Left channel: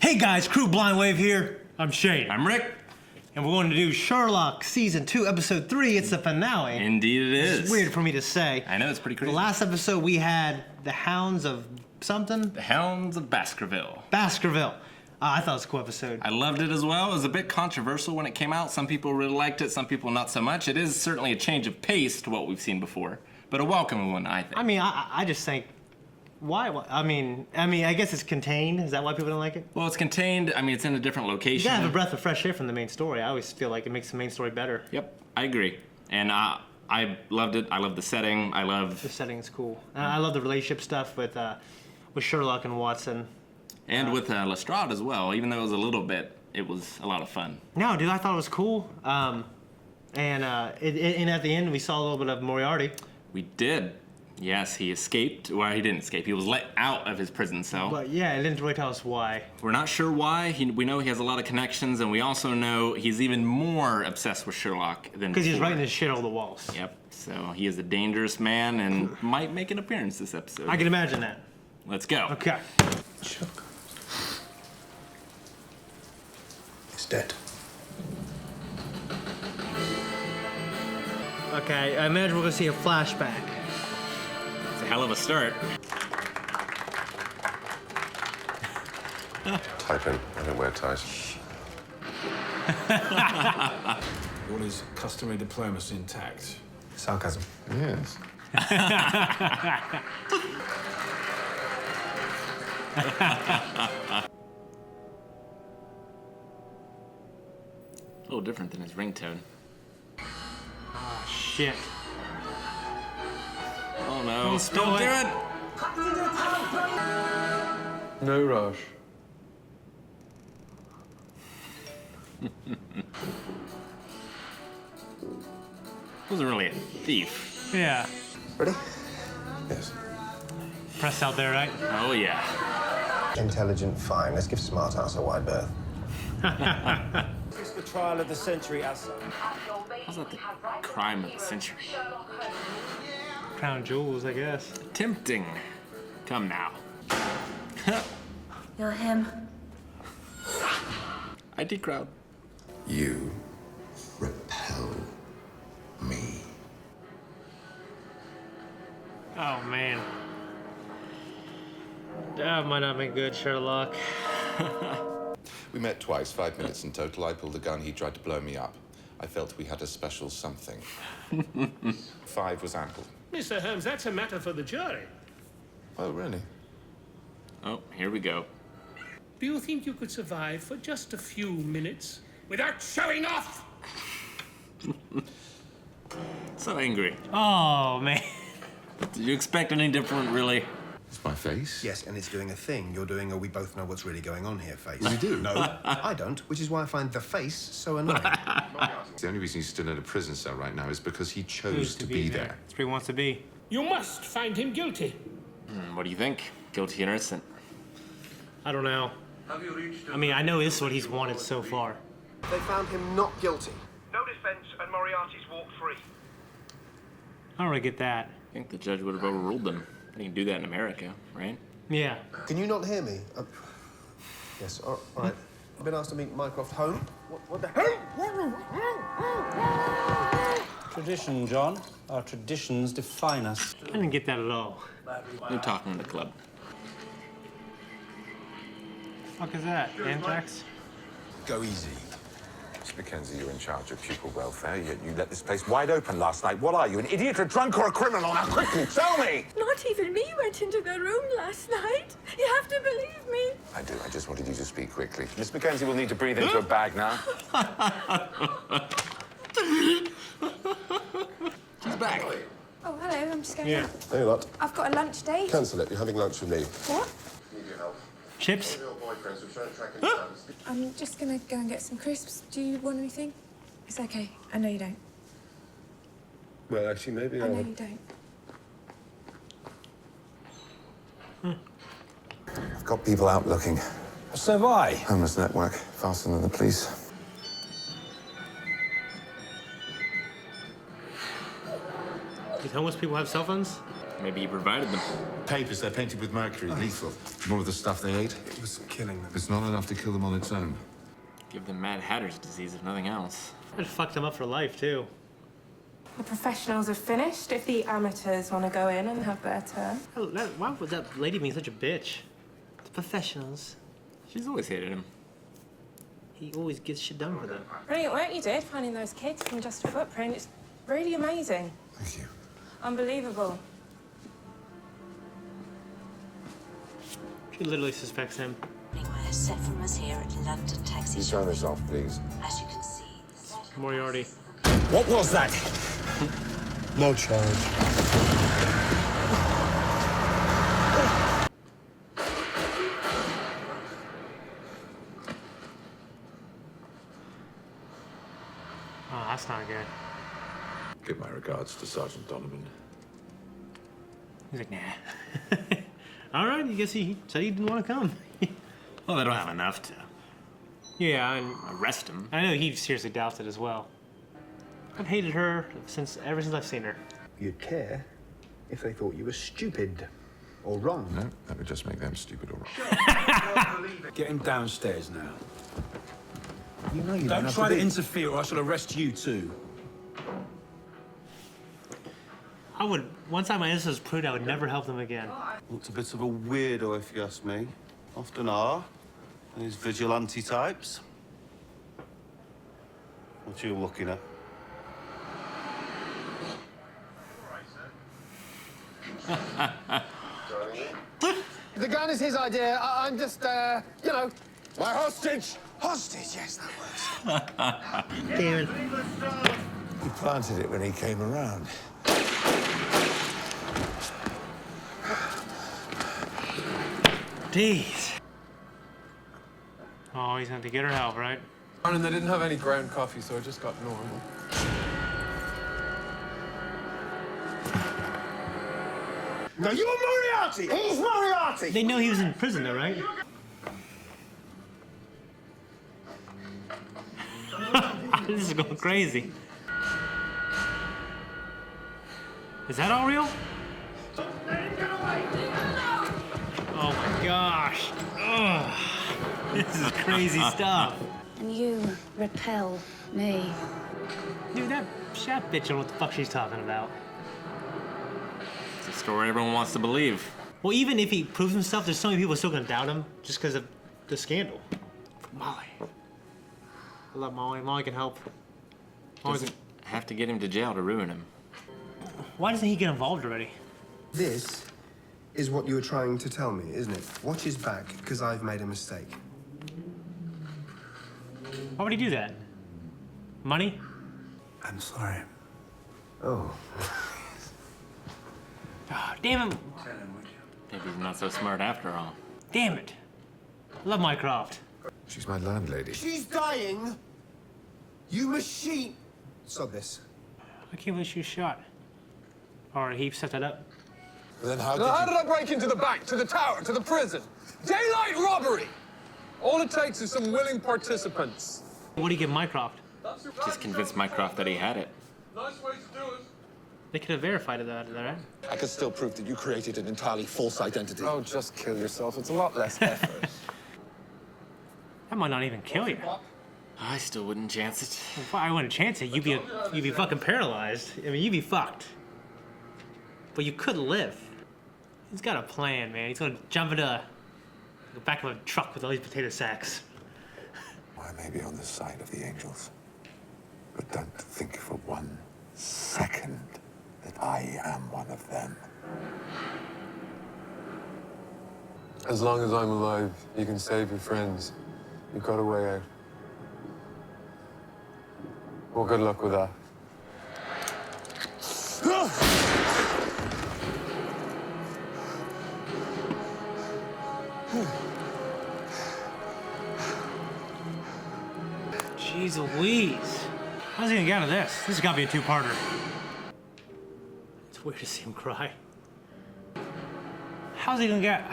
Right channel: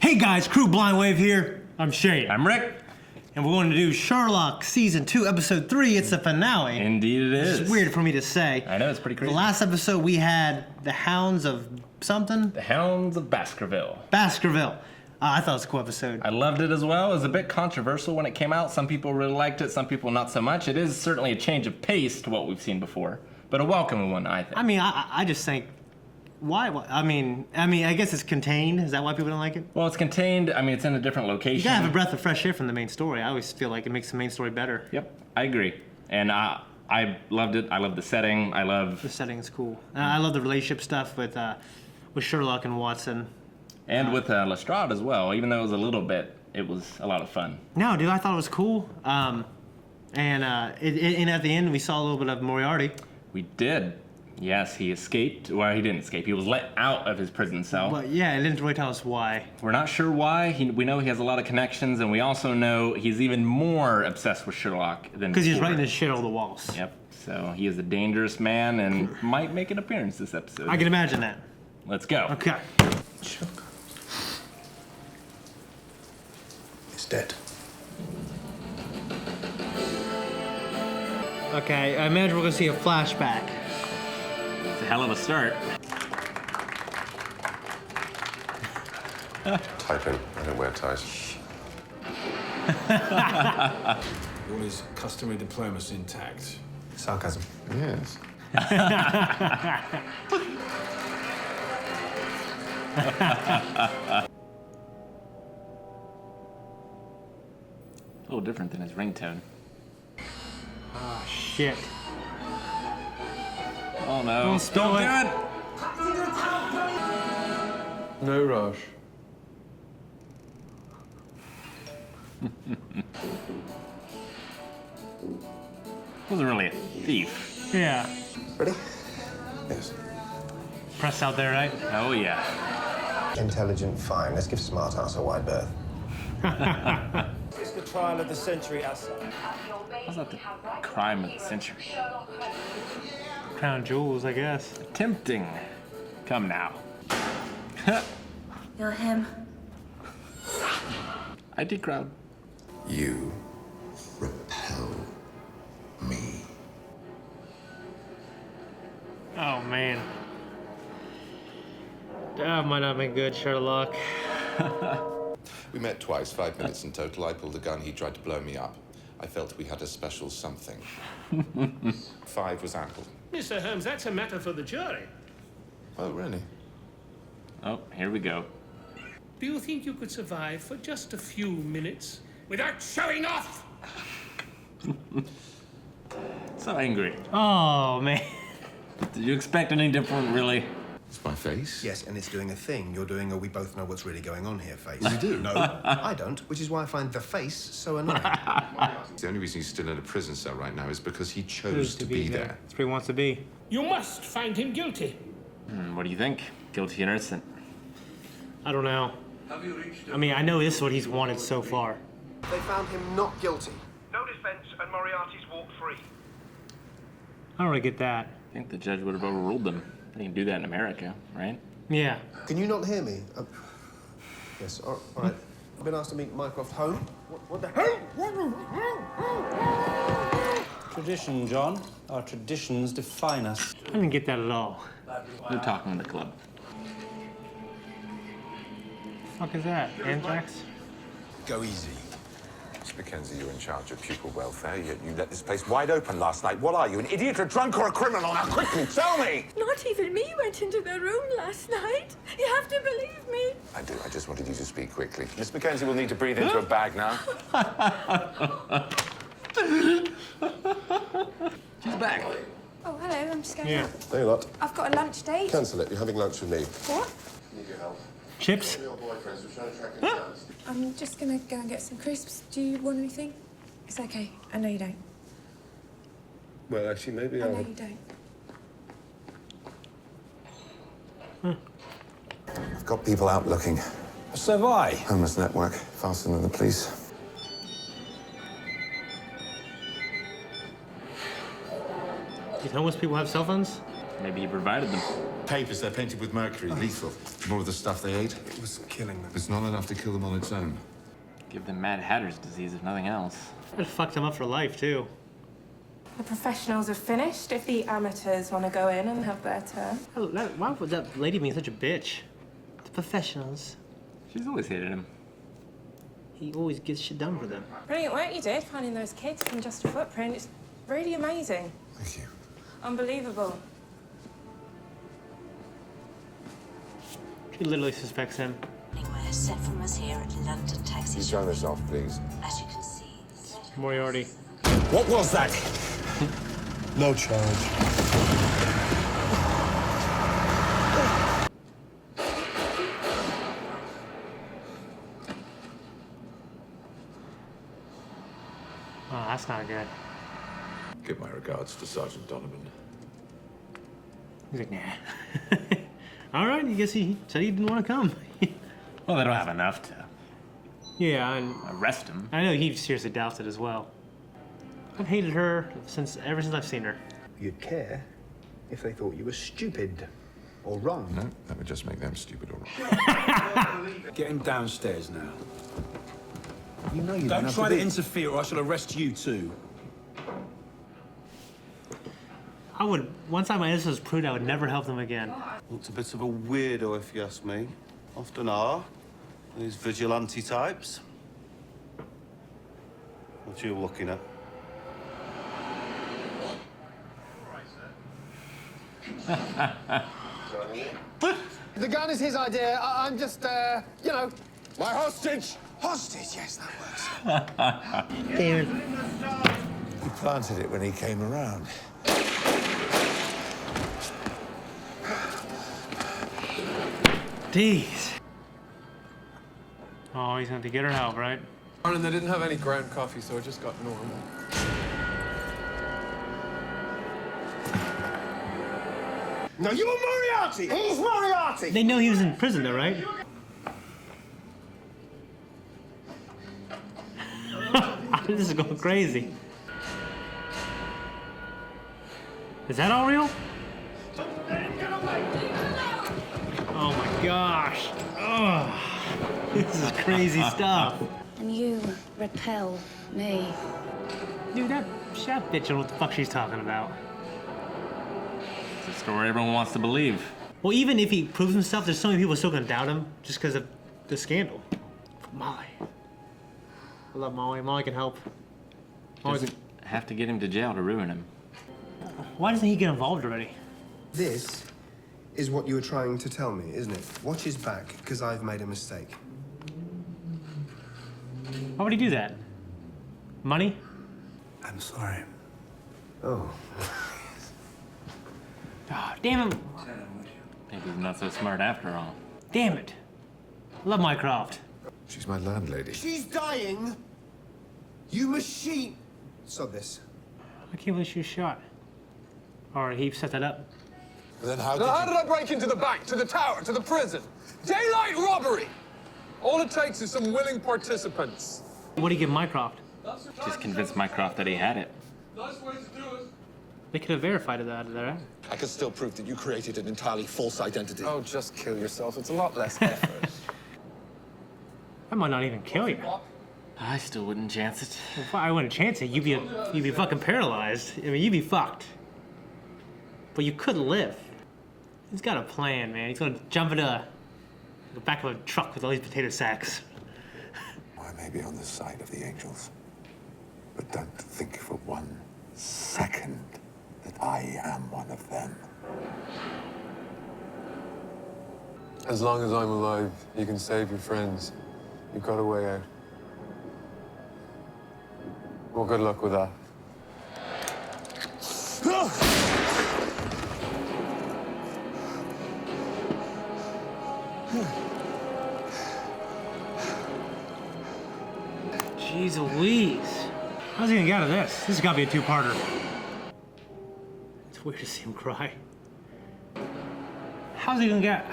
Hey guys, Crew Blind Wave here. I'm Shane. I'm Rick. And we're going to do Sherlock Season 2, Episode 3. It's the finale. Indeed it is. It's weird for me to say. I know, it's pretty crazy. The last episode we had the Hounds of something? The Hounds of Baskerville. Baskerville. I thought it was a cool episode. I loved it as well. It was a bit controversial when it came out. Some people really liked it, some people not so much. It is certainly a change of pace to what we've seen before, but a welcome one, I think. I mean, I just think, why? I mean, I guess it's contained. Is that why people didn't like it? Well, it's contained. I mean, it's in a different You location. gotta have a breath of fresh air from the main story. I always feel like it makes the main story better. Yep, I agree. And I loved it. I love the setting. I love... The setting is cool. I love the relationship stuff with Sherlock and Watson. And with Lestrade as well. Even though it was a little bit, it was a lot of fun. No, dude, I thought it was cool. And at the end, we saw a little bit of Moriarty. We did. Yes, he escaped. Well, he didn't escape. He was let out of his prison cell. But yeah, it didn't really tell us why. We're not sure why. We know he has a lot of connections, and we also know he's even more obsessed with Sherlock than Because he's before. writing his shit on the walls. Yep. So he is a dangerous man and might make an appearance this episode. I can imagine that. Let's go. Okay. Sherlock. He's dead. Okay, I imagine we're gonna see a flashback. It's a hell of a start. Type in. I don't wear ties. All his customary diplomacy intact. Sarcasm. Yes. A little different than his ringtone. Shit. Oh no. Don't do it. No rush. Wasn't really a thief. Yeah. Ready? Yes. Press out there, right? Oh yeah. Intelligent, fine. Let's give smart ass a wide berth. It's the trial of the century, Asa. How's that the crime of the century? Crown jewels, I guess. Tempting. Come now. You're him. ID crowd. You repel me. Oh, man. That might not have been good, Sherlock. We met twice, 5 minutes in total. I pulled the gun, he tried to blow me up. I felt we had a special something. 5 was ample. Mr. Holmes, that's a matter for the jury. Oh, really? Oh, here we go. Do you think you could survive for just a few minutes without showing off? So angry. Oh, man. Did you expect any different, really? It's my face. Yes, and it's doing a thing. You're doing a we both know what's really going on here face. We do? No, I don't, which is why I find the face so annoying. The only reason he's still in a prison cell right now is because he chose to be there. That's where he wants to be. You must find him guilty. What do you think? Guilty or innocent? I don't know. I mean, I know this is what he's wanted so far. They found him not guilty. No defense and Moriarty's walked free. I don't really get that. I think the judge would have overruled them. They can do that in America, right? Yeah. Can you not hear me? Yes, all right. I've been asked to meet Mycroft home. What the hell? Tradition, John. Our traditions define us. I didn't get that at all. No talking in the club. What the fuck is that? Anthrax? Go easy. Miss Mackenzie, you're in charge of pupil welfare, yet you let this place wide open last night. What are you, an idiot, a drunk, or a criminal? Now, quickly, tell me! Not even me went into the room last night. You have to believe me. I do. I just wanted you to speak quickly. Miss Mackenzie will need to breathe into a bag now. She's back. Oh, hello, I'm just going out. Hey, lot. I've got a lunch date. Cancel it. You're having lunch with me. What? Need your help. Chips? Your boyfriends were trying to track him down. I'm just gonna go and get some crisps. Do you want anything? It's okay. I know you don't. Well, actually, maybe I know you don't. I've got people out looking. So have I. Homeless network, faster than the police. These homeless people have cell phones? Maybe he provided them. Papers, they're painted with mercury, lethal. More of the stuff they ate. It was killing them. It's not enough to kill them on its own. Give them Mad Hatter's disease, if nothing else. It fucked him up for life, too. The professionals are finished. If the amateurs want to go in and have their turn. Oh, why was that lady being such a bitch? The professionals. She's always hated him. He always gets shit done for them. Brilliant work you did, finding those kids from Just a Footprint. It's really amazing. Thank you. Unbelievable. She literally suspects him. Anywhere set from us here at London Taxi You Shop. turn this off, please. As you can see. Moriarty. What was that? No charge. Oh, that's not good. Give my regards to Sergeant Donovan. He's like, nah. All right, I guess he said he didn't want to come. Well, they don't have enough to Yeah, and arrest him. I know he seriously doubts it as well. I've hated her ever since I've seen her. You'd care if they thought you were stupid or wrong. No, that would just make them stupid or wrong. Get him downstairs now. You know you Don't have try to to be. interfere or I shall arrest you too. I would, once my innocence was proved, I would never help them again. Looked a bit of a weirdo, if you ask me. Often are. These vigilante types. What you looking at? The gun is his idea. I'm just, you know. My hostage! Hostage, yes, that works. Damn it. He planted it when he came around. Jeez. Oh, he's gonna have to get her help, right? And they didn't have any ground coffee, so I just got normal. No, you are Moriarty! He's Moriarty! They know he was in prison, though, right? This is going crazy. Is that all real? Oh my gosh. Oh, this is crazy stuff. And you repel me. Dude, that bitch knows what the fuck she's talking about. It's a story everyone wants to believe. Well, even if he proves himself, there's so many people still gonna doubt him just because of the scandal. Molly. I love Molly. Molly can help. Molly Doesn't have to get him to jail to ruin him. Why doesn't he get involved already? This is what you were trying to tell me, isn't it? Watch his back, because I've made a mistake. Why would he do that? Money? I'm sorry. Oh. Oh, damn it. Maybe he's not so smart after all. Damn it. I love Mycroft. She's my landlady. She's dying! You machine! Stop this. I can't believe she was shot. Or he set that up. Then how Now, how did I break into the bank, to the tower, to the prison? Daylight robbery! All it takes is some willing participants. What do you give Mycroft? Just convinced Mycroft that he had it. Nice way to do it. They could have verified that, right? I can still prove that you created an entirely false identity. Oh, just kill yourself. It's a lot less effort. I might not even kill you. I still wouldn't chance it. If I wouldn't chance it, you'd be fucking paralyzed. I mean, you'd be fucked. But you could live. He's got a plan, man. He's gonna jump into the back of a truck with all these potato sacks. I may be on the side of the angels, but don't think for 1 second that I am one of them. As long as I'm alive, you can save your friends. You've got a way out. Well, good luck with that. Jeez Louise. How's he gonna get out of this? This has gotta be a two-parter. It's weird to see him cry. How's he gonna get...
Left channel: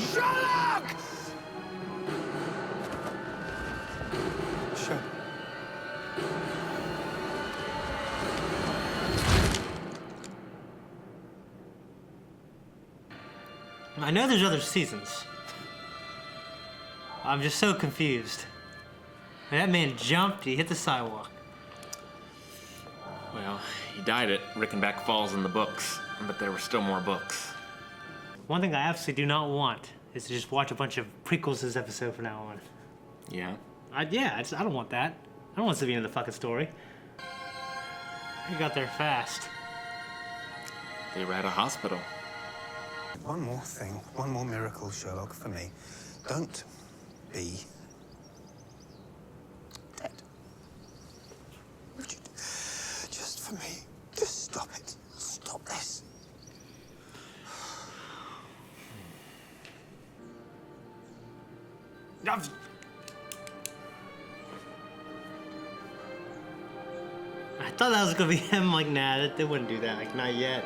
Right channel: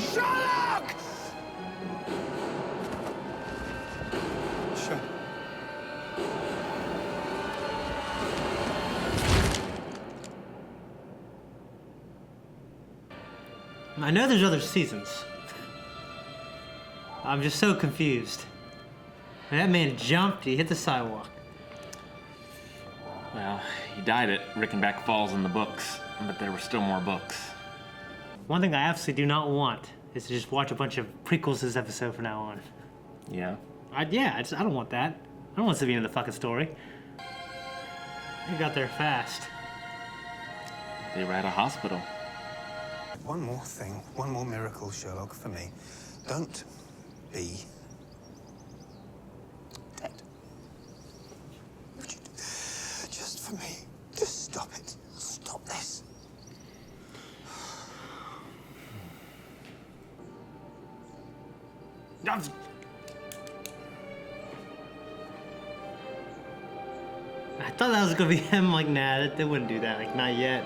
Sherlock! I know there's other seasons. I'm just so confused. When that man jumped, he hit the sidewalk. Well, he died at Reichenbach Falls in the books, but there were still more books. One thing I absolutely do not want is to just watch a bunch of prequels this episode from now on. Yeah. I don't want that. I don't want to see the end of the fucking story. They got there fast. They were at a hospital. One more thing, one more miracle, Sherlock, for me. Don't be dead. Would you, just for me, just stop it. Stop this. I thought that was gonna be him. Like, nah, they wouldn't do that. Like, not yet.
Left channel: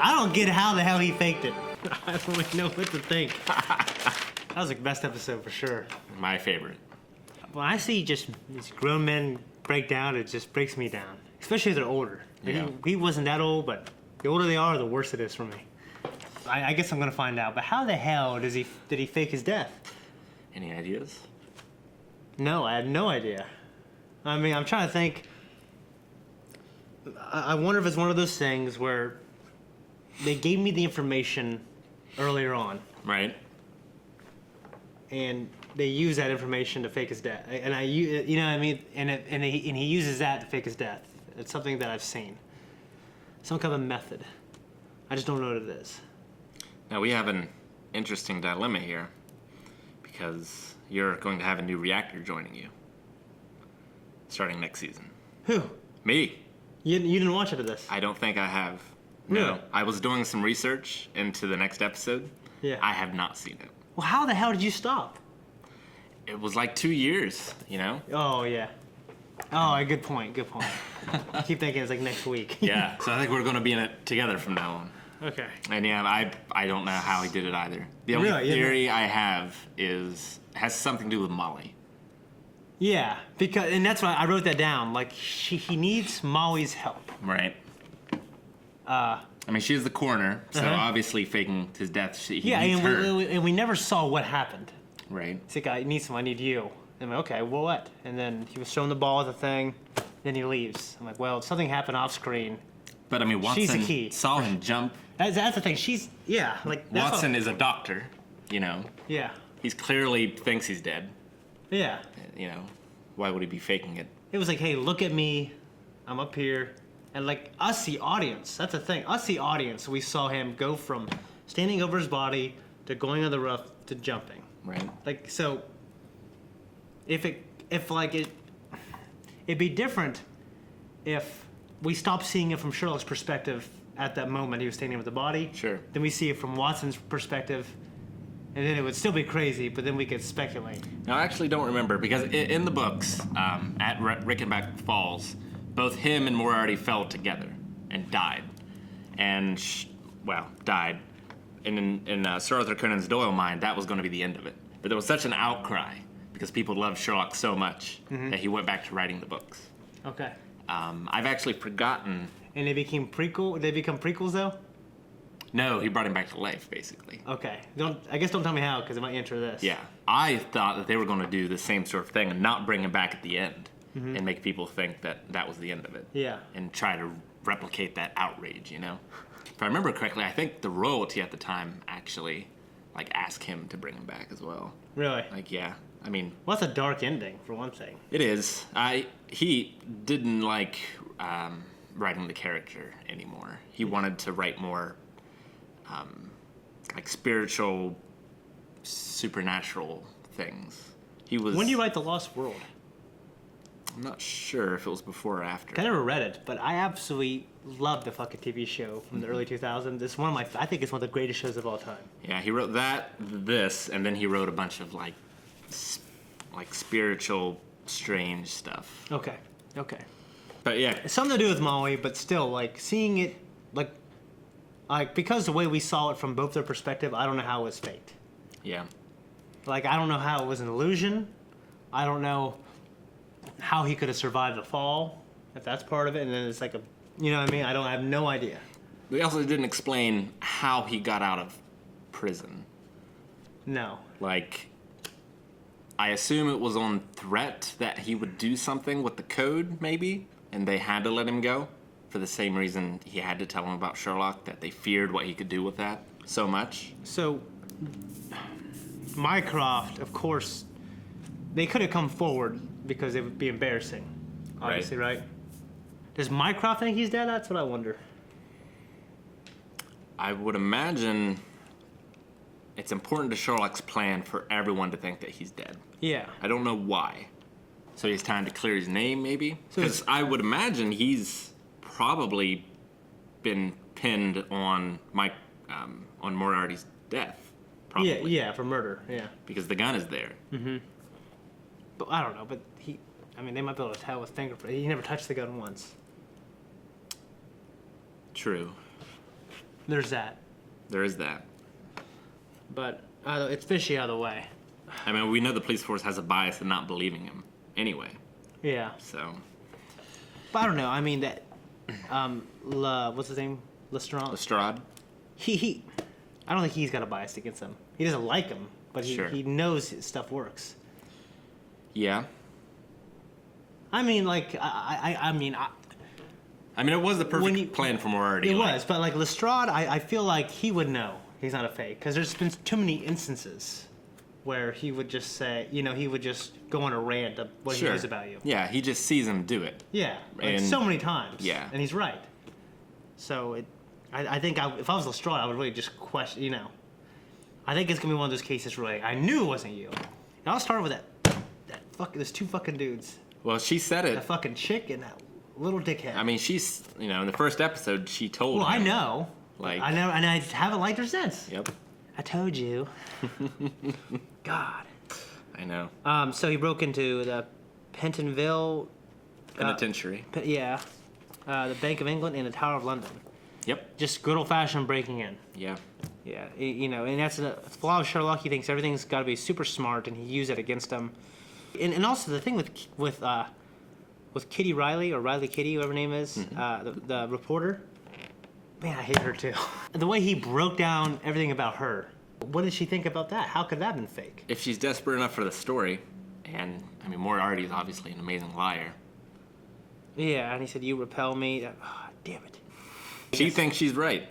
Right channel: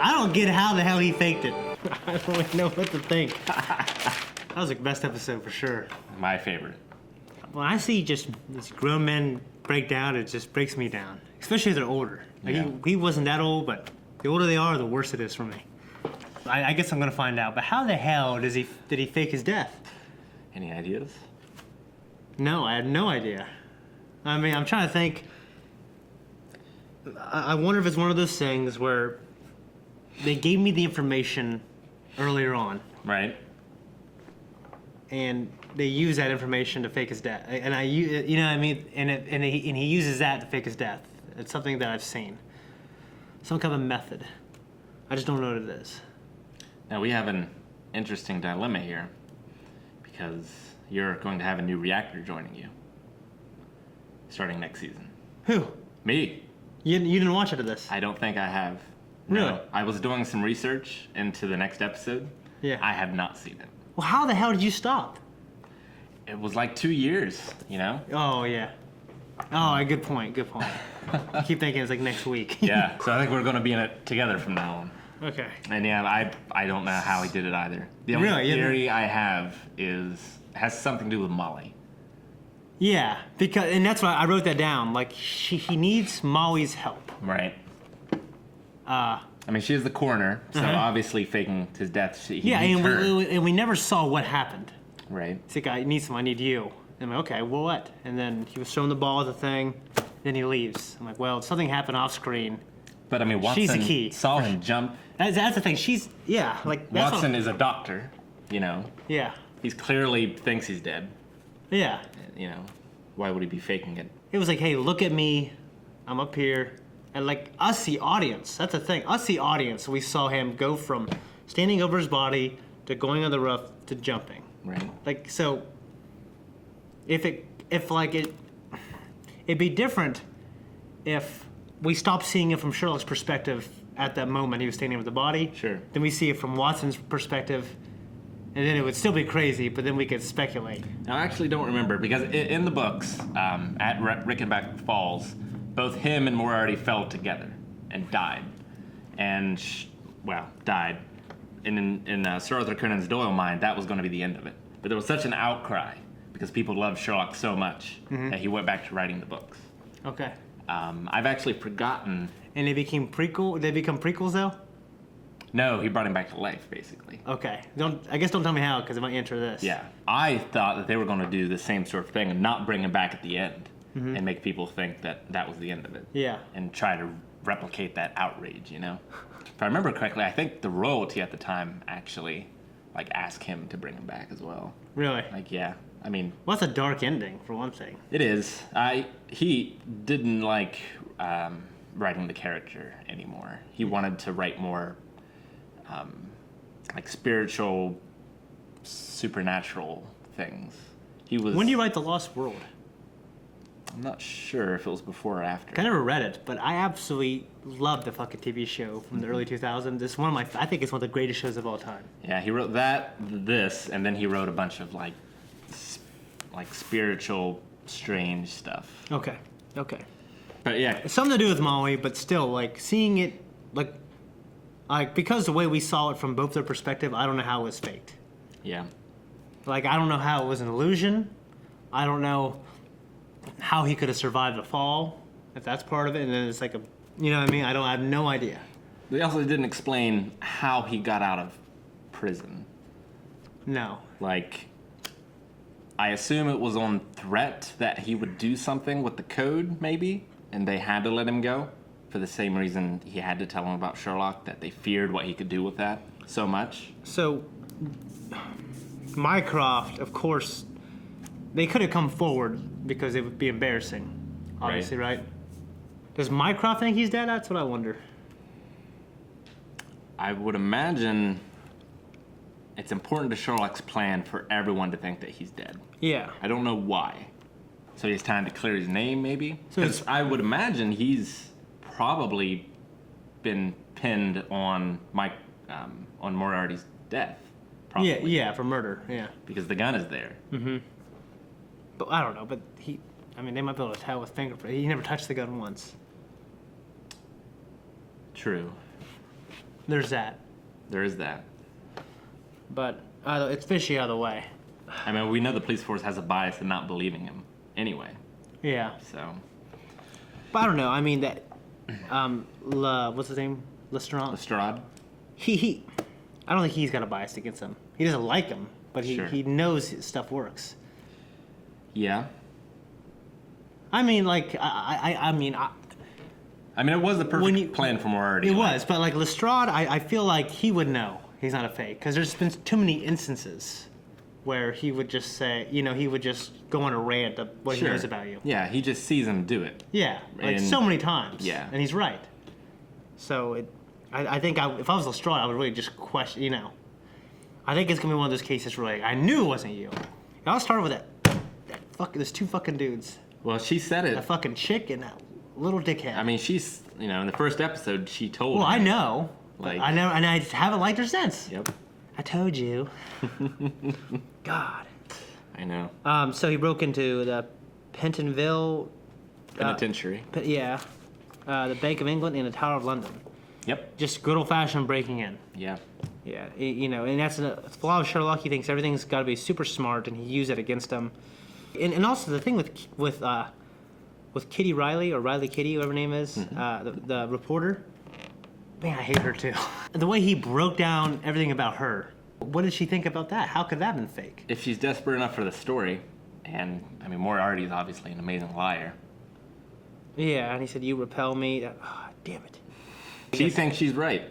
I don't get how the hell he faked it. I don't really know what to think. That was the best episode for sure. My favorite. When I see just these grown men break down, it just breaks me down. Especially if they're older. Like, Yeah. he wasn't that old, but the older they are, the worse it is for me. I guess I'm gonna find out. But how the hell did he fake his death? Any ideas? No, I had no idea. I mean, I'm trying to think. I wonder if it's one of those things where they gave me the information earlier on, Right. and they use that information to fake his death. And you know what I mean? And he uses that to fake his death. It's something that I've seen. Some kind of method. I just don't know what it is. Now we have an interesting dilemma here, because you're going to have a new reactor joining you starting next season. Who? Me. You didn't watch it of this? I don't think I have. Really? No. I was doing some research into the next episode. Yeah. I have not seen it. Well, how the hell did you stop? It was like 2 years, you know? Oh, yeah. Oh, good point. Good point. I keep thinking it's like next week. Yeah. So I think we're going to be in it together from now on. Okay. And yeah, I don't know how he did it either. The only Really? theory I have has something to do with Molly. Yeah, and that's why I wrote that down. Like, he needs Molly's help. Right. I mean, she is the coroner, so obviously faking his death. He needs her. And we never saw what happened. Right. It's like, I need someone, I need you. And I'm like, okay, well, what? And then he was throwing the ball at the thing, then he leaves. I'm like, well, something happened off screen. But I mean, Watson She's the key. saw him jump. That's the thing. She's, yeah, like, that's Watson is a doctor, you know. Yeah. He's clearly thinks he's dead. Yeah. You know, why would he be faking it? It was like, hey, look at me. I'm up here. And like us, the audience, that's the thing. Us, the audience, we saw him go from standing over his body to going on the roof to jumping. Right. Like, so it'd be different if we stopped seeing it from Sherlock's perspective at that moment he was standing with the body. Sure. Then we see it from Watson's perspective, and then it would still be crazy, but then we could speculate. Now, I actually don't remember, because in the books, at Reichenbach Falls, both him and Moriarty fell together and died. And, died. And in Sir Arthur Conan Doyle's mind, that was going to be the end of it. But there was such an outcry, because people loved Sherlock so much, that he went back to writing the books. Okay. I've actually forgotten. And they become prequels, though? No, he brought him back to life, basically. Okay. Don't tell me how, because I might answer this. Yeah. I thought that they were going to do the same sort of thing and not bring him back at the end and make people think that that was the end of it. Yeah. And try to replicate that outrage, you know? If I remember correctly, I think the royalty at the time actually, asked him to bring him back as well. Really? Yeah. I mean... Well, that's a dark ending, for one thing. It is. He didn't like writing the character anymore. He wanted to write more... spiritual, supernatural things. When did you write The Lost World? I'm not sure if it was before or after. I never read it, but I absolutely loved the fucking TV show from the early 2000s. It's I think it's one of the greatest shows of all time. Yeah, he wrote this, and then he wrote a bunch of spiritual, strange stuff. Okay. But yeah, it's something to do with Molly, but still, seeing it, because the way we saw it from both their perspective, I don't know how it was faked. Yeah. I don't know how it was an illusion. I don't know how he could have survived the fall, if that's part of it. And then it's you know what I mean? I have no idea. They also didn't explain how he got out of prison. No. Like, I assume it was on threat that he would do something with the code, maybe, and they had to let him go for the same reason he had to tell him about Sherlock, that they feared what he could do with that so much. So, Mycroft, of course, they could have come forward because it would be embarrassing, obviously, right? Does Mycroft think he's dead? That's what I wonder. I would imagine it's important to Sherlock's plan for everyone to think that he's dead. Yeah. I don't know why. So he has time to clear his name, maybe? Because I would imagine he's probably been pinned on on Moriarty's death. Probably. Yeah, for murder, yeah. Because the gun is there. Mm-hmm. But I don't know, but they might be able to tell with fingerprints. He never touched the gun once. True. There's that. There is that. But it's fishy either way. I mean, we know the police force has a bias in not believing him anyway. Yeah. So. But I don't know. I mean, that. What's his name? Lestrade? He. I don't think he's got a bias against him. He doesn't like him, but he knows his stuff works. Yeah. I mean, like, I mean, it was the perfect plan for Moriarty. It was, but like Lestrade, I feel like he would know he's not a fake, because there's been too many instances where he would just say, he would just go on a rant of what he knows about you. Yeah, he just sees him do it. Yeah, like so many times. Yeah. And he's right. So I think if I was Lestrade, I would really just question, I think it's going to be one of those cases where I knew it wasn't you. And I'll start with there's two fucking dudes. Well, she said it. That fucking chick and that little dickhead. I mean, she's, in the first episode, she told Well, him. I know. Like, I know, and I haven't liked her since. Yep. I told you. God. I know. So he broke into the Pentonville Penitentiary. The Bank of England and the Tower of London. Yep. Just good old-fashioned breaking in. Yeah. Yeah, and that's a flaw of Sherlock. He thinks everything's got to be super smart, and he used it against him. And also the thing with Kitty Riley, or Riley Kitty, whatever her name is, the reporter. Man, I hate her too. The way he broke down everything about her. What did she think about that? How could that have been fake? If she's desperate enough for the story, and Moriarty is obviously an amazing liar. Yeah, and he said, "You repel me." Damn it. She thinks she's right.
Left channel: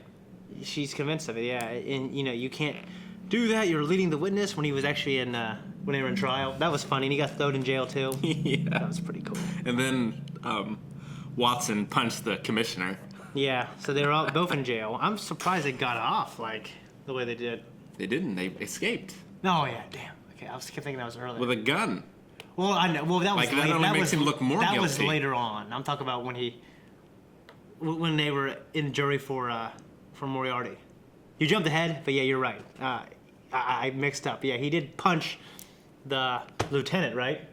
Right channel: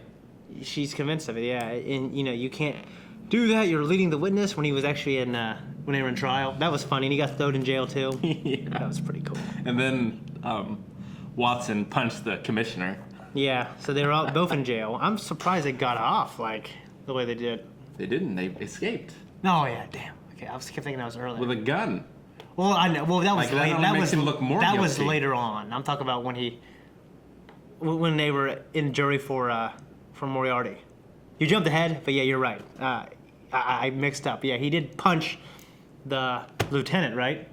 She's convinced of it. Yeah, and you can't do that. You're leading the witness when he was actually when they were in trial. That was funny, and he got thrown in jail too. Yeah, that was pretty cool. And then Watson punched the commissioner. Yeah, so they were both in jail. I'm surprised they got off like the way they did. They didn't. They escaped. Oh yeah, damn. Okay, I was kept thinking that was earlier. With a gun. Well, I know. Well, that was that makes him look more guilty. That was later on. I'm talking about when they were in jury for Moriarty. You jumped ahead, but yeah, you're right. I mixed up. Yeah, he did punch the lieutenant, right?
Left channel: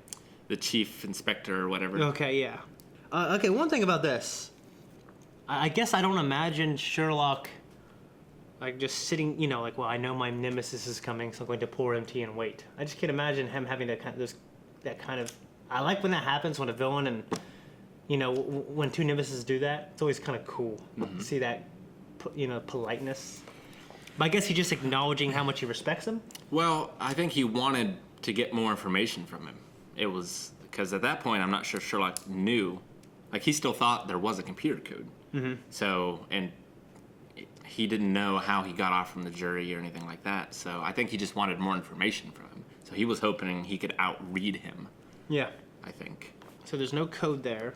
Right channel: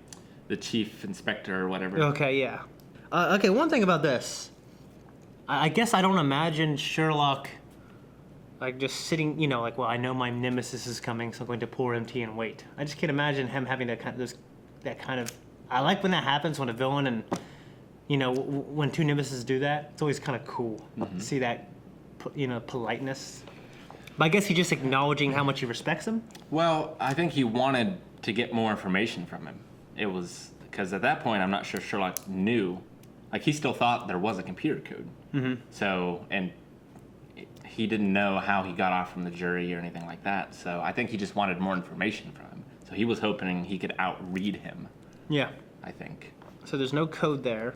The chief inspector or whatever. Okay, yeah. Okay, one thing about this. I guess I don't imagine Sherlock like just sitting, well, I know my nemesis is coming, so I'm going to pour tea and wait. I just can't imagine him having that kind of. I like when that happens when a villain and when two nemesis do that. It's always kind of cool to see that, politeness. But I guess he's just acknowledging how much he respects him. Well, I think he wanted to get more information from him. It was because at that point, I'm not sure Sherlock knew. Like, he still thought there was a computer code. Mm-hmm. So, and he didn't know how he got off from the jury or anything like that. So I think he just wanted more information from him. So he was hoping he could outread him. Yeah. I think. So there's no code there,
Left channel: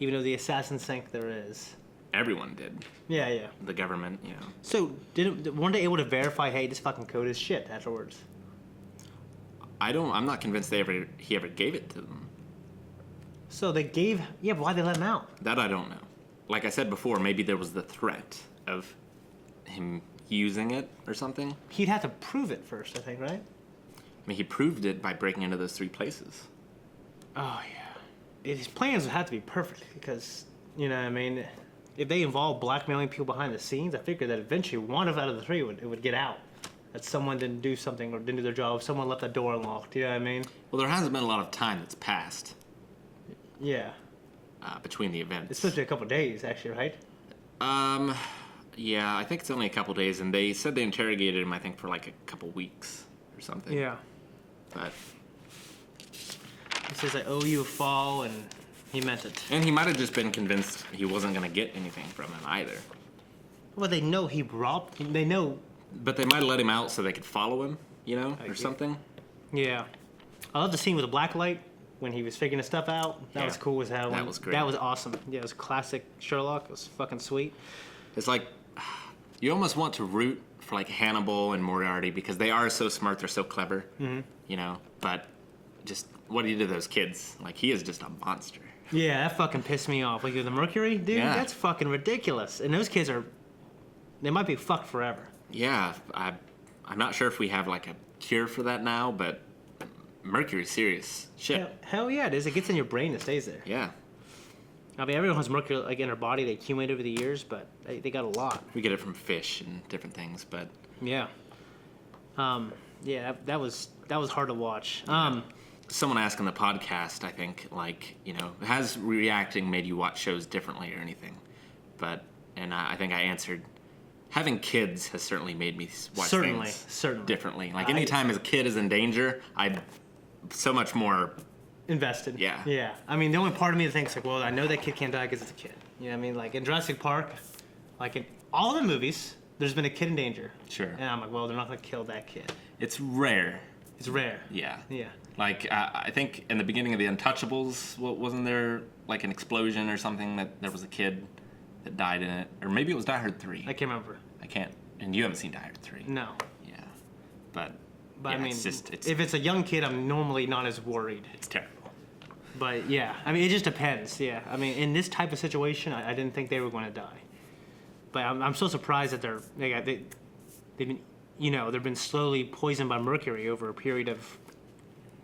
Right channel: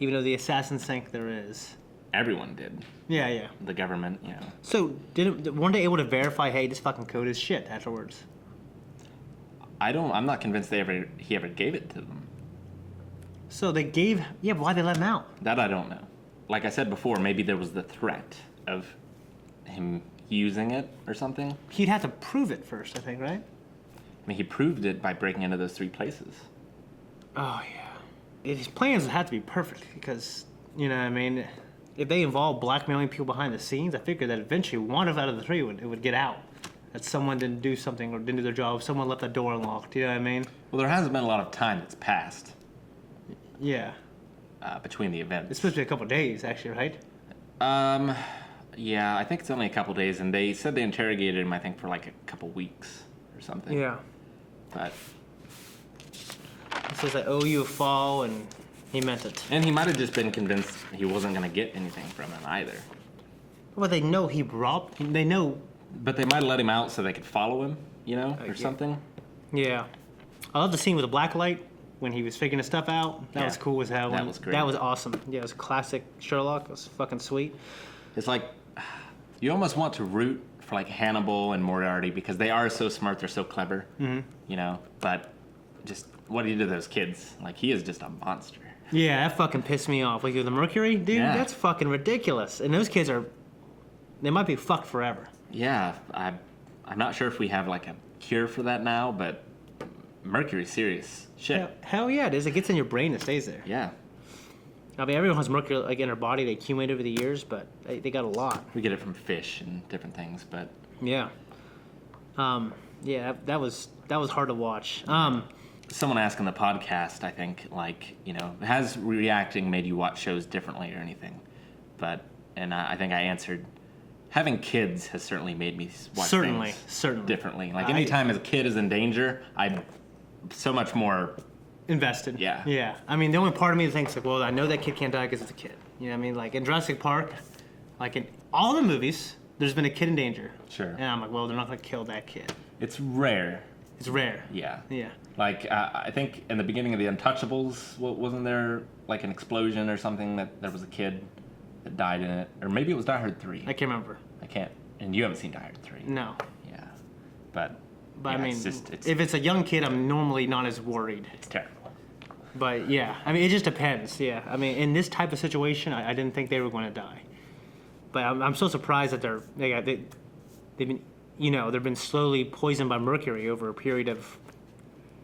even though the assassins think there is. Everyone did. Yeah, yeah. The government, So weren't they able to verify, hey, this fucking code is shit afterwards? I'm not convinced he ever gave it to them. So they gave, but why they let him out? That I don't know. Like I said before, maybe there was the threat of him using it or something. He'd have to prove it first, I think, right? I mean, he proved it by breaking into those 3 places. Oh, yeah. His plans would have to be perfect because, if they involve blackmailing people behind the scenes, I figured that eventually one out of the 3 would get out. That someone didn't do something or didn't do their job. Someone left the door unlocked. You know what I mean? Well, there hasn't been a lot of time that's passed. Yeah. Between the events. It's supposed to be a couple days, actually, right? Yeah, I think it's only a couple days, and they said they interrogated him, I think, for like a couple weeks or something. Yeah. But he says, I owe you a fall, and he meant it. and he might have just been convinced he wasn't going to get anything from him either. Well, they know he robbed. They know. But they might have let him out so they could follow him, you know, or something. Yeah. I love the scene with the black light when he was figuring his stuff out. That was cool as hell. That was great. That was awesome. Yeah, it was classic Sherlock. It was fucking sweet. It's like you almost want to root for like Hannibal and Moriarty because they are so smart, they're so clever, you know. But just what he did to those kids, like he is just a monster. Yeah, that fucking pissed me off. Like the Mercury, dude, that's fucking ridiculous. And those kids they might be fucked forever. Yeah, I'm not sure if we have like a cure for that now, but Mercury's serious shit. Hell yeah, it is. It gets in your brain and stays there. Yeah. I mean, everyone has mercury like in their body. They accumulate over the years, but they got a lot. We get it from fish and different things, but yeah, that was hard to watch. Someone asked on the podcast, I think, like, you know, has reacting made you watch shows differently or anything? And I think I answered, having kids has certainly made me watch things differently. Like anytime a kid is in danger, I'm so much more invested. Yeah. I mean, the only part of me that thinks like, well, I know that kid can't die because it's a kid. You know what I mean? Like in Jurassic Park, like in all the movies, there's been a kid in danger. Sure. And I'm like, well, they're not going to kill that kid. It's rare. It's rare. Yeah. Yeah. Like I think in the beginning of The Untouchables, wasn't there like an explosion or something that there was a kid that died in it? Or maybe it was Die Hard 3. I can't remember. I can't. And you haven't seen Die Hard 3. No. Yeah. But yeah, I mean, it's just, if it's a young kid, I'm normally not as worried. It's terrible. But yeah, I mean, it just depends. Yeah, I mean, in this type of situation, I didn't think they were going to die. But I'm so surprised that they've been, you know, they've been slowly poisoned by mercury over a period of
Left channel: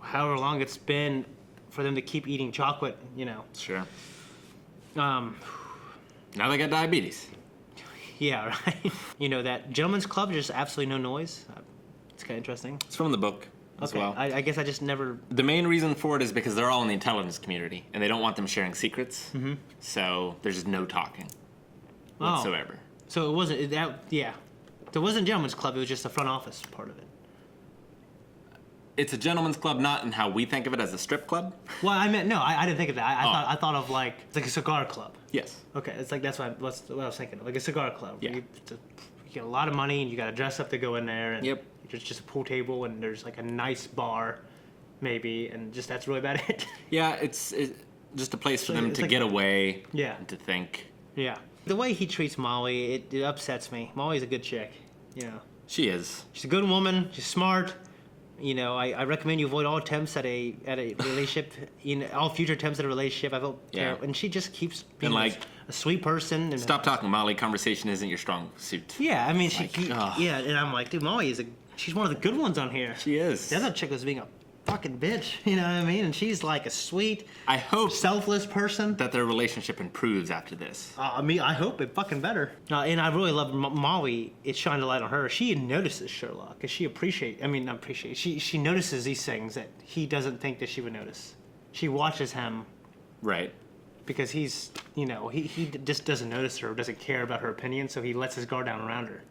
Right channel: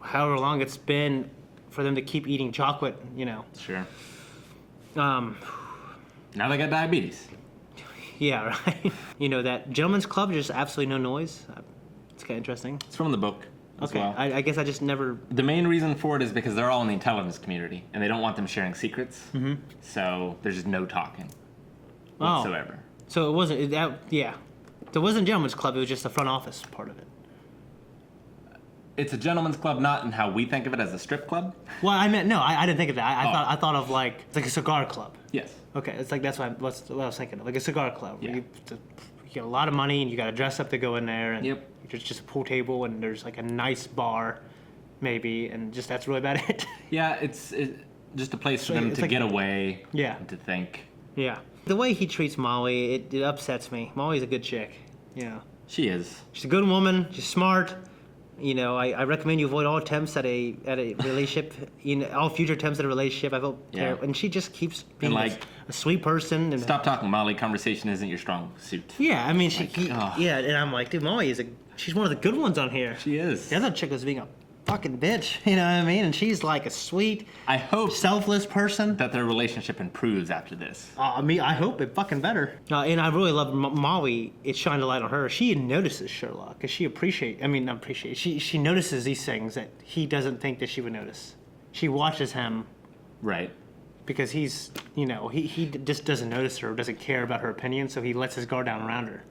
however long it's been for them to keep eating chocolate. You know. Sure. Now they got diabetes. Yeah, right. You know that Gentleman's Club, just absolutely no noise. It's kind of interesting. It's from the book. As well. I guess I just never... The main reason for it is because they're all in the intelligence community, and they don't want them sharing secrets, so there's just no talking whatsoever. So it wasn't... yeah. So it wasn't Gentleman's Club, it was just the front office part of it. It's a gentleman's club, not in how we think of it as a strip club. Well, I meant... No, I didn't think of that. I thought of like... It's like a cigar club. Yes. Okay, it's like that's what I was thinking of. Like a cigar club. Yeah. You get a lot of money, and you got to dress up to go in there, and... Yep. There's just a pool table, and there's like a nice bar, maybe, and just that's really about it. Yeah, it's just a place for them to get away. Yeah. And to think. Yeah. The way he treats Molly, it upsets me. Molly's a good chick. You know. She is. She's a good woman. She's smart. You know, I recommend you avoid all attempts at a relationship. All future attempts at a relationship. I feel terrible. And she just keeps being a sweet person. And stop talking, Molly. Conversation isn't your strong suit. Yeah, I mean, and I'm like, dude, Molly she's one of the good ones on here. She is. The other chick was being a fucking bitch, you know what I mean? And she's like a sweet, selfless person. That their relationship improves after this. I mean, I hope it fucking better. And I really love Molly. It shined a light on her. She notices Sherlock because she she notices these things that he doesn't think that she would notice. She watches him. Right. Because he's, you know, he just doesn't notice her, doesn't care about her opinion, so he lets his guard down around her.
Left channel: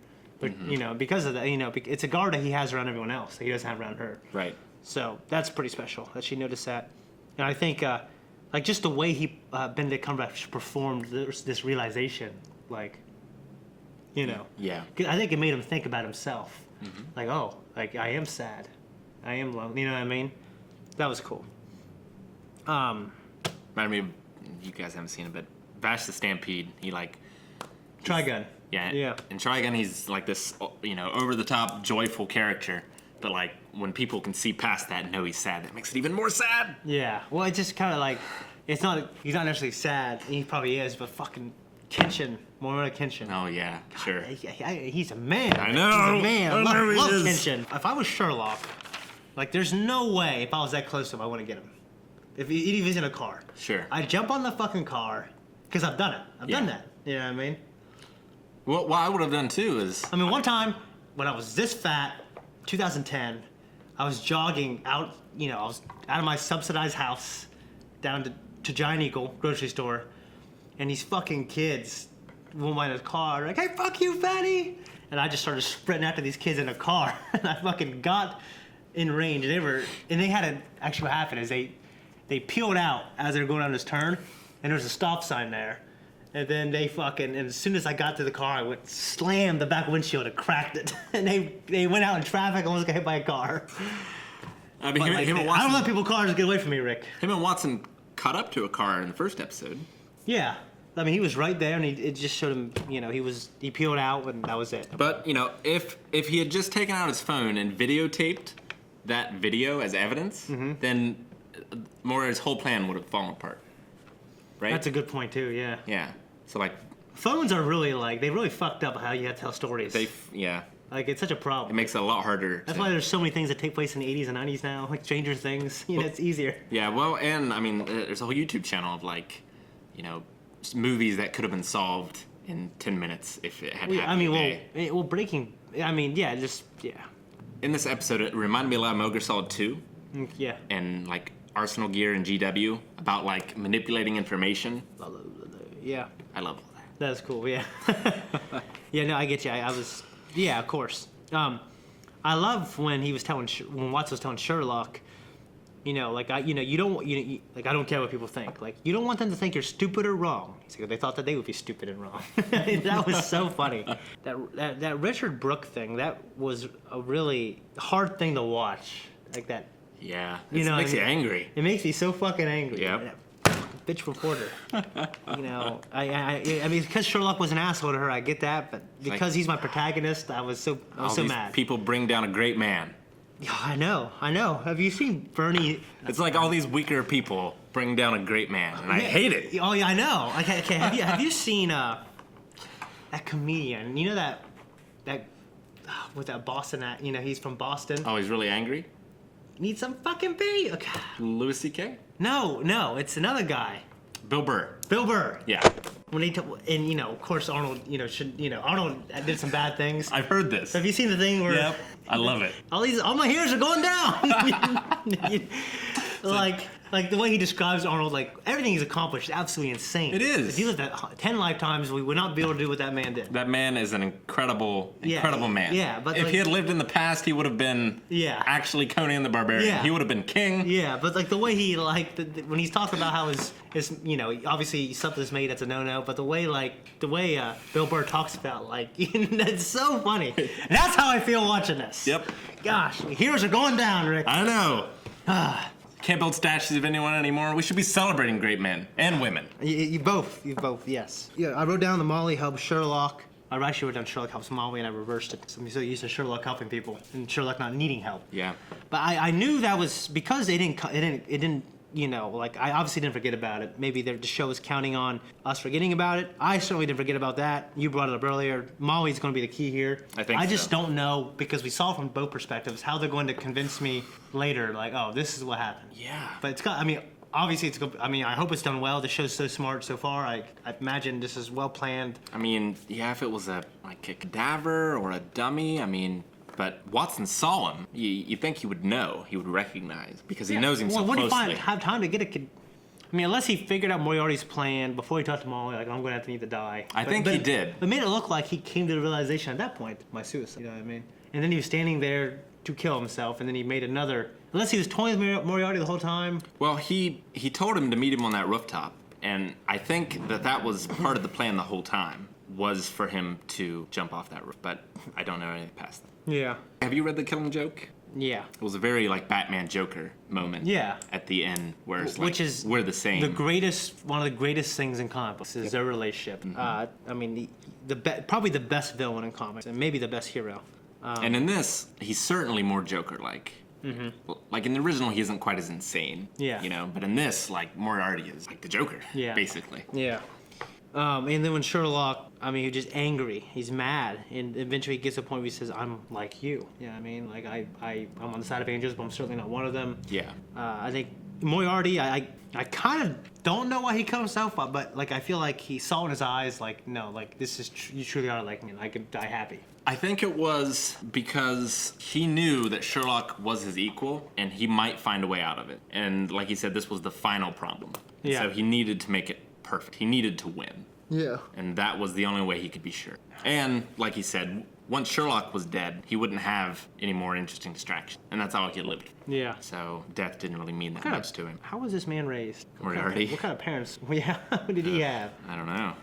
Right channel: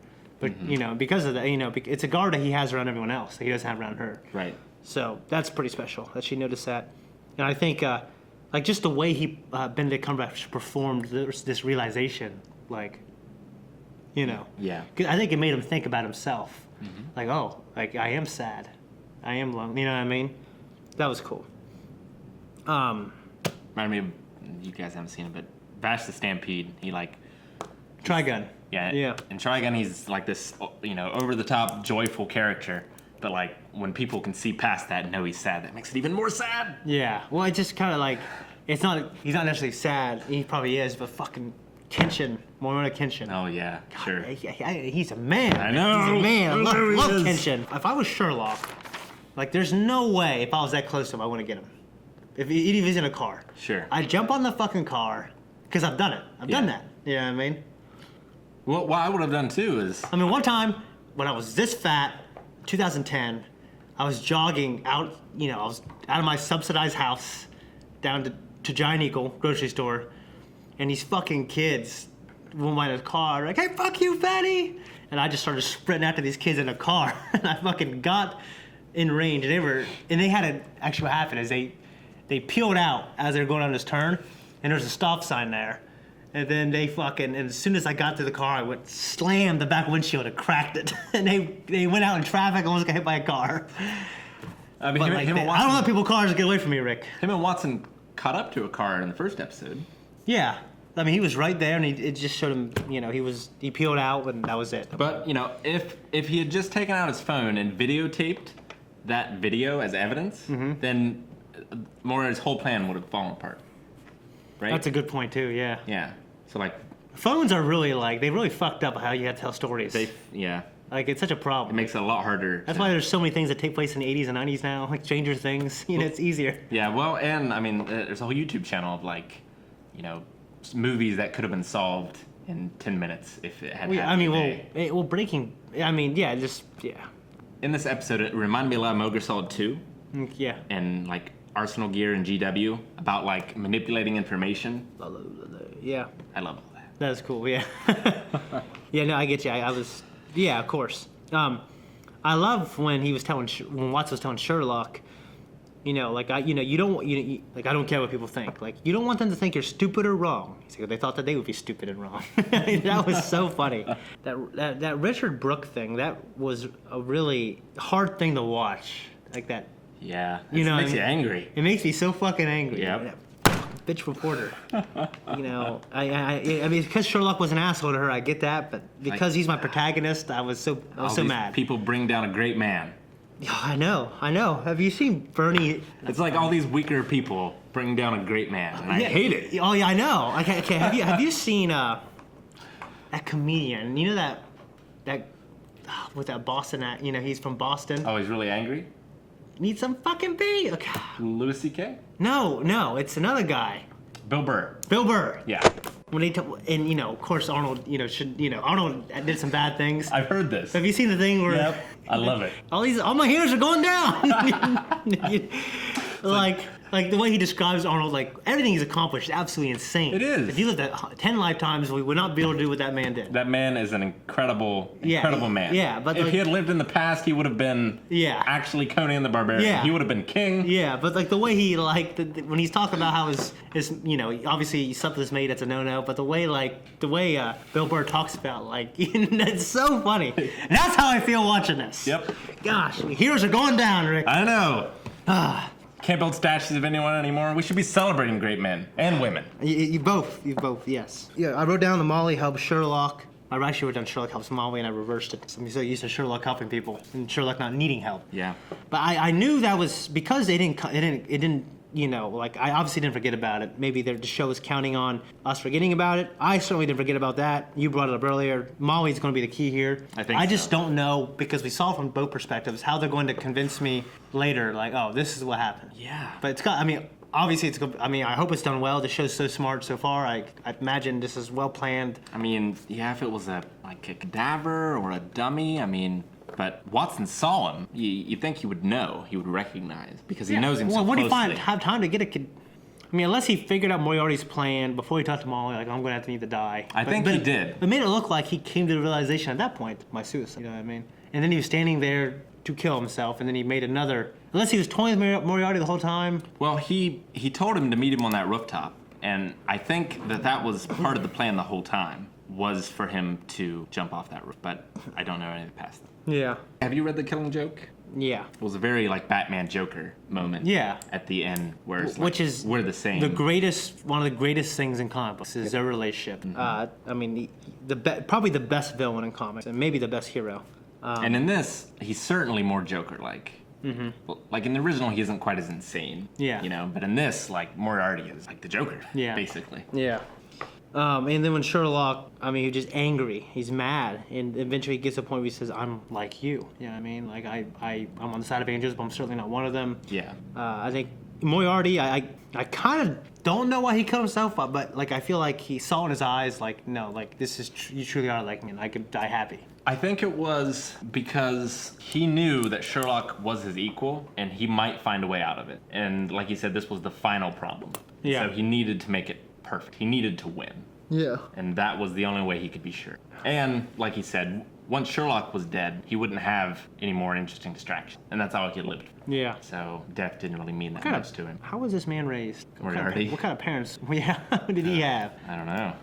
But, you know, because of that, you know, it's a guard that he has around everyone else that he doesn't have around her. Right. So that's pretty special that she noticed that. And I think, like, just the way Benedict Cumberbatch performed this realization, like, you know. Yeah. I think it made him think about himself. Like, oh, like, I am sad. I am lonely. You know what I mean? That was cool. I mean, you guys haven't seen it, but Vash the Stampede, he, like... Trigun. Yeah. In Trigun, he's like this, you know, over-the-top, joyful character. But, like, when people can see past that and know he's sad, that makes it even more sad. Yeah. Well, it's just kind of like, he's not necessarily sad. He probably is, but fucking Kenshin. Morona Kenshin. Oh, yeah. God, Sure. He's a man. I know. He's a man. I love Kenshin. If I was Sherlock, like, there's no way, if I was that close to him, I wouldn't get him. Even if he's in a car. Sure. I'd jump on the fucking car, because I've done it. I've done that. You know what I mean? Well, what I would have done, too, is... I mean, one time, when I was this fat, 2010, I was jogging out, you know, I was out of my subsidized house down to Giant Eagle grocery store, and these fucking kids woman in his car, like, hey, fuck you, fatty! And I just started sprinting after these kids in a car. And I fucking got in range, and they had actually what happened is they peeled out as they were going on this turn, and there's a stop sign there. And then they and as soon as I got to the car, I went slammed the back windshield and cracked it. And they went out in traffic, almost got hit by a car. I mean, I don't let people cars get away from me, Rick. Him and Watson caught up to a car in the first episode. Yeah. I mean, he was right there, and it just showed him, he peeled out, and that was it. But, if he had just taken out his phone and videotaped that video as evidence, then Moriarty's whole plan would have fallen apart. Right? That's a good point, too, yeah. Yeah. So, phones are really, they really fucked up how you have to tell stories. Yeah. It's such a problem. It makes it a lot harder. That's why there's so many things that take place in the 80s and 90s now, like Stranger Things. It's easier. Yeah, well, and, I mean, there's a whole YouTube channel of, movies that could have been solved in 10 minutes if it had happened today. In this episode, it reminded me a lot of Metal Gear Solid 2. Yeah. And, Arsenal Gear and GW about, manipulating information. Yeah. I love all that. That's cool, yeah. Yeah, no, I get you. I was... Yeah, of course. I love when he was when Watson was telling Sherlock, I don't care what people think. You don't want them to think you're stupid or wrong. He's like, they thought that they would be stupid and wrong. That was so funny. That Richard Brooke thing, that was a really hard thing to watch. Like that. Yeah. It makes you angry. It makes me so fucking angry. Yeah. Bitch reporter. I mean, because Sherlock was an asshole to her, I get that, but because he's my protagonist, I was so mad. People bring down a great man. Yeah, I know. Have you seen Bernie? It's like all these weaker people bring down a great man, and I hate it. Oh yeah, I know. Okay, have you seen that comedian? You know that with that Boston he's from Boston. Oh, he's really angry? Need some fucking beer. Okay. Louis C.K.? No, it's another guy. Bill Burr. Yeah. When and of course Arnold, Arnold did some bad things. I've heard this. Have you seen the thing where? Yep. I love it. All my heroes are going down. Like the way he describes Arnold, everything he's accomplished is absolutely insane. It is. If you lived 10 lifetimes, we would not be able to do what that man did. That man is an incredible man. Yeah, but if he had lived in the past, he would have been actually Conan the Barbarian. Yeah. He would have been king. Yeah, but the way he when he's talking about how his obviously something's made that's a no-no, but the way Bill Burr talks about that's so funny. That's how I feel watching this. Yep. Gosh, heroes are going down, Rick. I know. Can't build statues of anyone anymore. We should be celebrating great men and women. You both, yes. Yeah, I wrote down the Molly helps Sherlock. I actually wrote down Sherlock helps Molly, and I reversed it. I'm so used to Sherlock helping people and Sherlock not needing help. Yeah. But I knew that was because it didn't. I obviously didn't forget about it. Maybe the show was counting on us forgetting about it. I certainly didn't forget about that. You brought it up earlier. Molly's going to be the key here. I just don't know, because we saw from both perspectives, how they're going to convince me later, this is what happened. Yeah. But obviously it's good. I hope it's done well. The show's so smart so far. I imagine this is well planned. If it was a cadaver or a dummy, but Watson saw him. You think he would know, he would recognize, because he knows him so closely. What do you have time to get a kid? Unless he figured out Moriarty's plan before he talked to Molly, I'm going to have to need to die. I think he did. It made it look like he came to the realization at that point, my suicide, you know what I mean? And then he was standing there to kill himself, and then he made another... Unless he was toying with Moriarty the whole time. Well, he told him to meet him on that rooftop, and I think that was part of the plan the whole time, was for him to jump off that roof, but I don't know anything past that. Yeah. Have you read The Killing Joke? Yeah. It was a very Batman Joker moment. Yeah. At the end, where it's which is we're the same. One of the greatest things in comic books is their relationship. Mm-hmm. Probably the best villain in comics, and maybe the best hero. And in this, he's certainly more Joker-like. Mm-hmm. In the original, he isn't quite as insane. Yeah. But in this, Moriarty is the Joker. Yeah. Basically. Yeah. And then when Sherlock, he's just angry. He's mad, and eventually he gets to a point where he says, "I'm like you." You know what I mean? I'm on the side of angels, but I'm certainly not one of them. Yeah. I think Moriarty, I kind of don't know why he killed himself, but I feel like he saw in his eyes, no, this is you truly are like me, and I could die happy. I think it was because he knew that Sherlock was his equal, and he might find a way out of it. And like he said, this was the final problem. Yeah. So he needed to make it perfect. He needed to win. Yeah. And that was the only way he could be sure. And, like he said, once Sherlock was dead, he wouldn't have any more interesting distractions. And that's all he lived. Yeah. So death didn't really mean that much to him. How was this man raised? Moriarty. What kind of parents? Yeah, did he have? I don't know.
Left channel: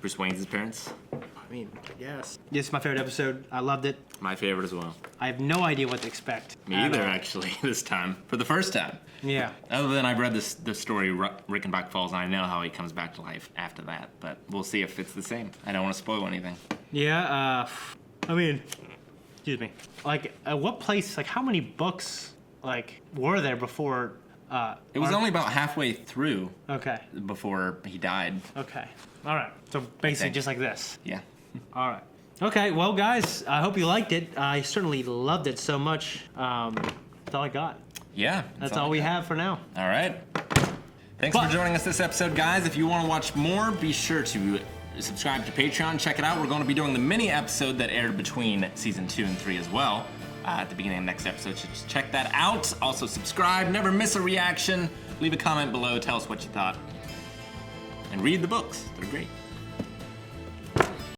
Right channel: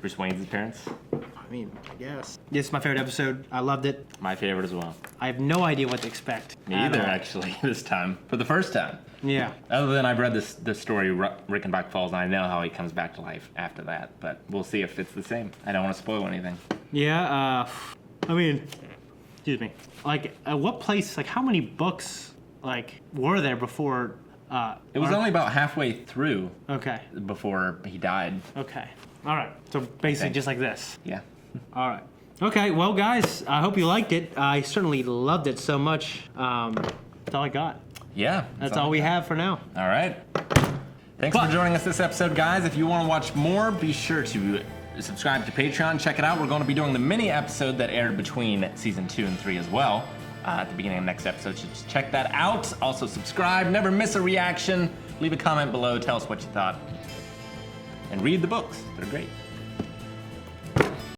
Bruce Wayne's his parents? I mean, yes. This is my favorite episode. I loved it. My favorite as well. I have no idea what to expect. Me either, actually, this time. For the first time. Yeah. Other than I've read the story Reichenbach Falls, and I know how he comes back to life after that. But we'll see if it's the same. I don't want to spoil anything. Yeah, I mean, excuse me. Like, at what place, like, how many books, like, were there before, It was only about halfway through. Okay. Before he died. Okay. All right. So basically just like this. Yeah. All right. Okay, well, guys, I hope you liked it. I certainly loved it so much. That's all I got. Yeah. That's all we have for now. All right. Thanks for joining us this episode, guys. If you want to watch more, be sure to subscribe to Patreon. Check it out. We're going to be doing the mini episode that aired between season 2 and 3 as well. At the beginning of next episode, so just check that out. Also subscribe. Never miss a reaction. Leave a comment below. Tell us what you thought. And read the books. They're great.